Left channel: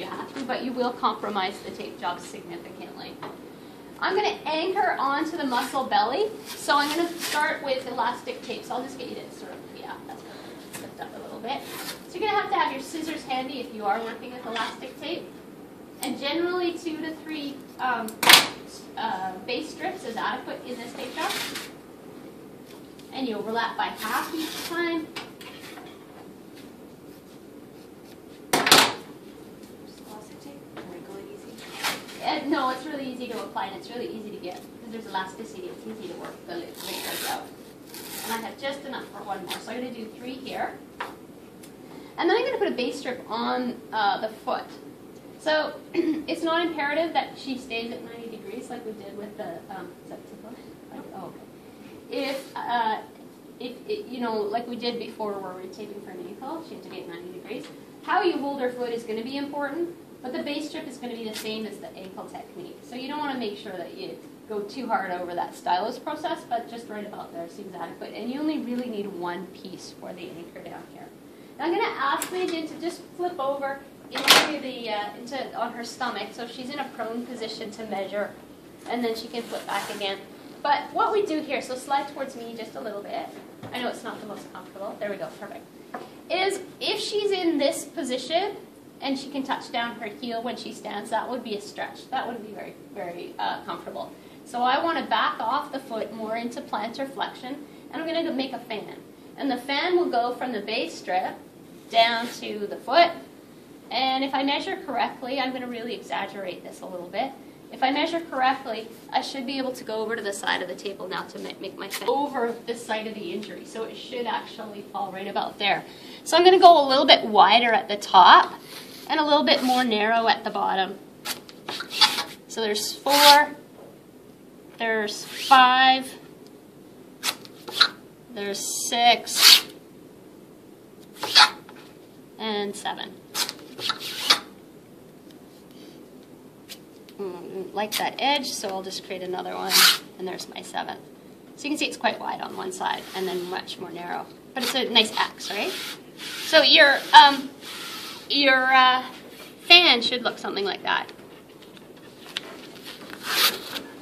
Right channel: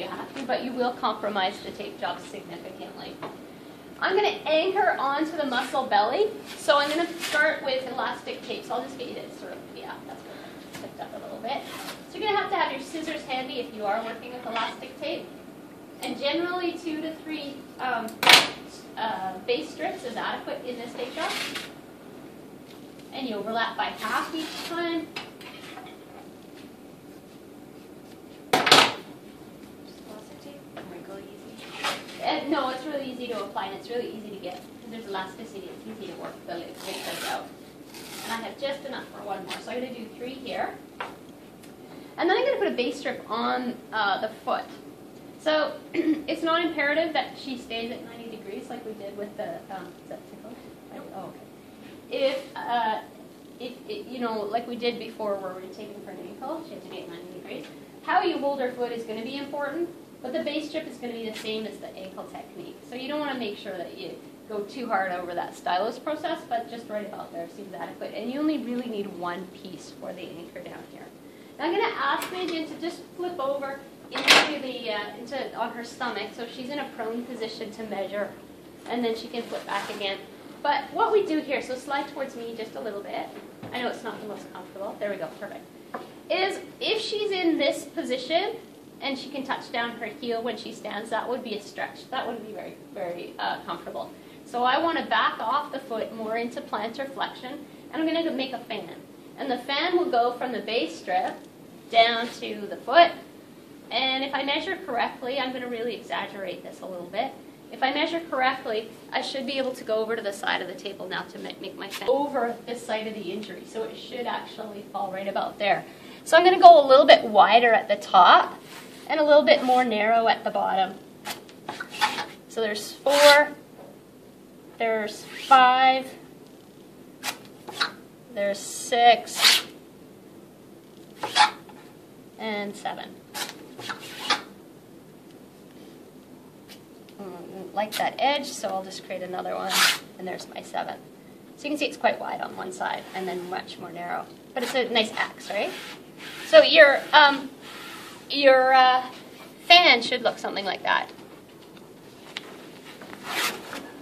you have to, but you will compromise the tape job significantly. I'm going to anchor onto the muscle belly, so I'm going to start with elastic tape. So I'll just get you to sort of, yeah, that's good. Lift up a little bit. So you're going to have your scissors handy if you are working with elastic tape. And generally 2 to 3 base strips is adequate in this tape job. And you overlap by half each time. No, it's really easy to apply and it's really easy to get because there's elasticity. It's easy to work the lid out. And I have just enough for one more. So I'm going to do 3 here. And then I'm going to put a base strip on the foot. So it's not imperative that she stays at 90 degrees like we did with the, is that too close? Oh, okay. If you know, like we did before where we were taking for an ankle, she had to be at 90 degrees. How you hold her foot is going to be important, but the base strip is going to be the same as the ankle technique. So you don't want to make sure that you go too hard over that stylus process, but just right about there seems adequate. And you only really need one piece for the anchor down here. Now I'm going to ask Megan to just flip over on her stomach, so she's in a prone position to measure, and then she can flip back again. But what we do here, so slide towards me just a little bit. I know it's not the most comfortable. There we go, perfect. Is if she's in this position and she can touch down her heel when she stands, that would be a stretch. That wouldn't be very, very comfortable. So I want to back off the foot more into plantar flexion, and I'm going to make a fan. And the fan will go from the base strip down to the foot. And if I measure correctly, I'm going to really exaggerate this a little bit. If I measure correctly, I should be able to go over to the side of the table now to make my fan over the site of the injury. So it should actually fall right about there. So I'm going to go a little bit wider at the top and a little bit more narrow at the bottom. So there's 4, there's 5, there's 6, and 7. Like that edge, so I'll just create another one, and there's my 7. So you can see it's quite wide on one side and then much more narrow. But it's a nice X, right? So your fan should look something like that.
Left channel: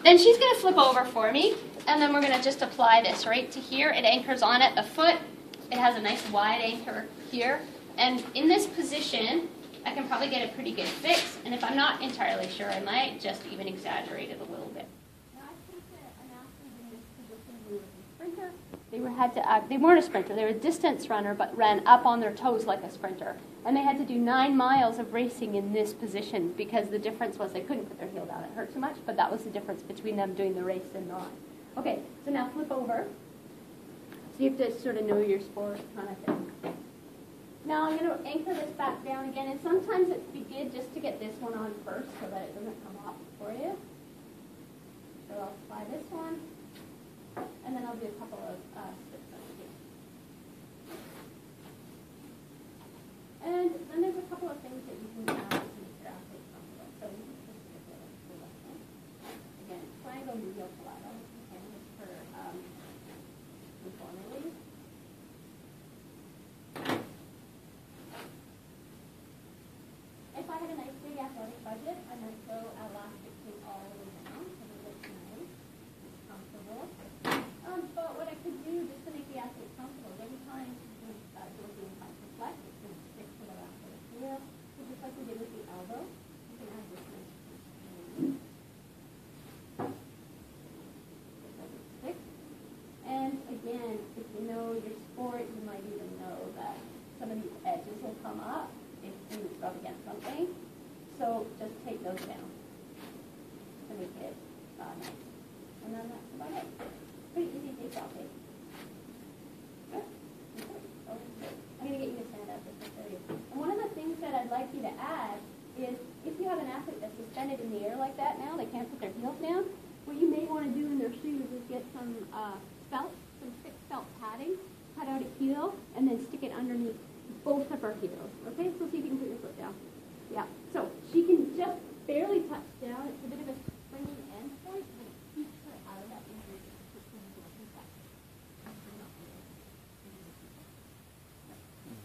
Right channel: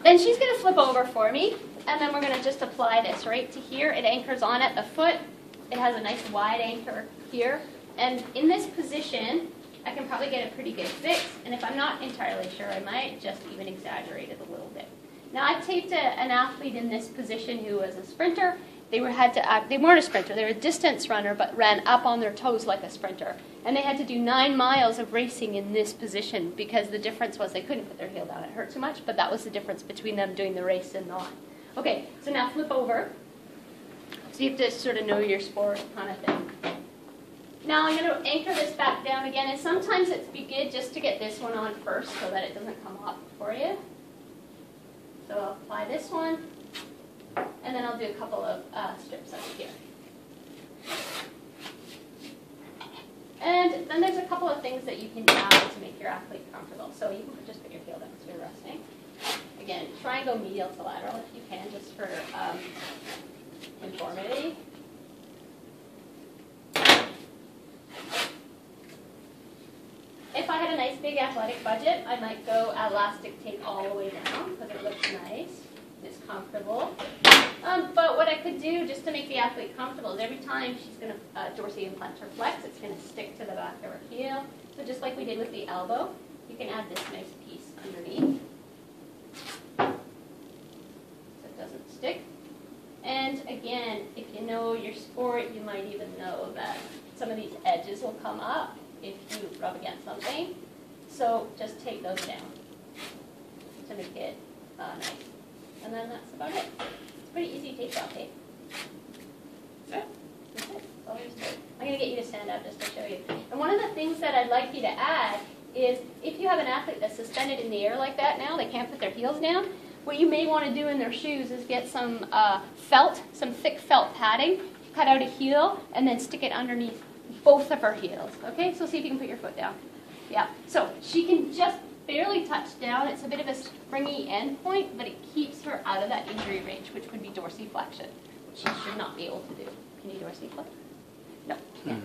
Then she's going to flip over for me, and then we're going to just apply this right to here. It anchors on at the foot. It has a nice wide anchor here. And in this position, I can probably get a pretty good fix, and if I'm not entirely sure, I might just even exaggerate it a little bit. Now, I taped an athlete in this position who was a sprinter. They weren't a sprinter, they were a distance runner, but ran up on their toes like a sprinter. And they had to do 9 miles of racing in this position because the difference was they couldn't put their heel down. It hurt too much, but that was the difference between them doing the race and not. Okay, so now flip over. So you have to sort of know your sport kind of thing. Now I'm going to anchor this back down again, and sometimes it's good just to get this one on first so that it doesn't come off for you. So I'll apply this one, and then I'll do a couple of strips over here. And then there's a couple of things that you can add to make your athlete comfortable. So you can just put your heel down as you're resting. Again, try and go medial to lateral if you can, just for conformity. If I had a nice big athletic budget, I might go elastic tape all the way down because it looks nice, it's comfortable. But what I could do just to make the athlete comfortable is every time she's going to dorsally and plantar flex, it's going to stick to the back of her heel. So just like we did with the elbow, you can add this nice piece underneath so it doesn't stick. And again, if you know your sport, you might even know that some of these edges will come up if you rub against something. So just take those down to make it nice. And then that's about it. It's pretty easy tape job tape. Yeah, that's it. That's all there is to it. I'm going to get you to stand up just to show you. And one of the things that I'd like you to add is if you have an athlete that's suspended in the air like that now, they can't put their heels down, what you may want to do in their shoes is get some felt, some thick felt padding, cut out a heel, and then stick it underneath both of her heels. Okay, so see if you can put your foot down. Yeah, so she can just barely touch down. It's a bit of a springy end point, but it keeps her out of that injury range, which would be dorsiflexion. She should not be able to do. Can you dorsiflex? No, can't.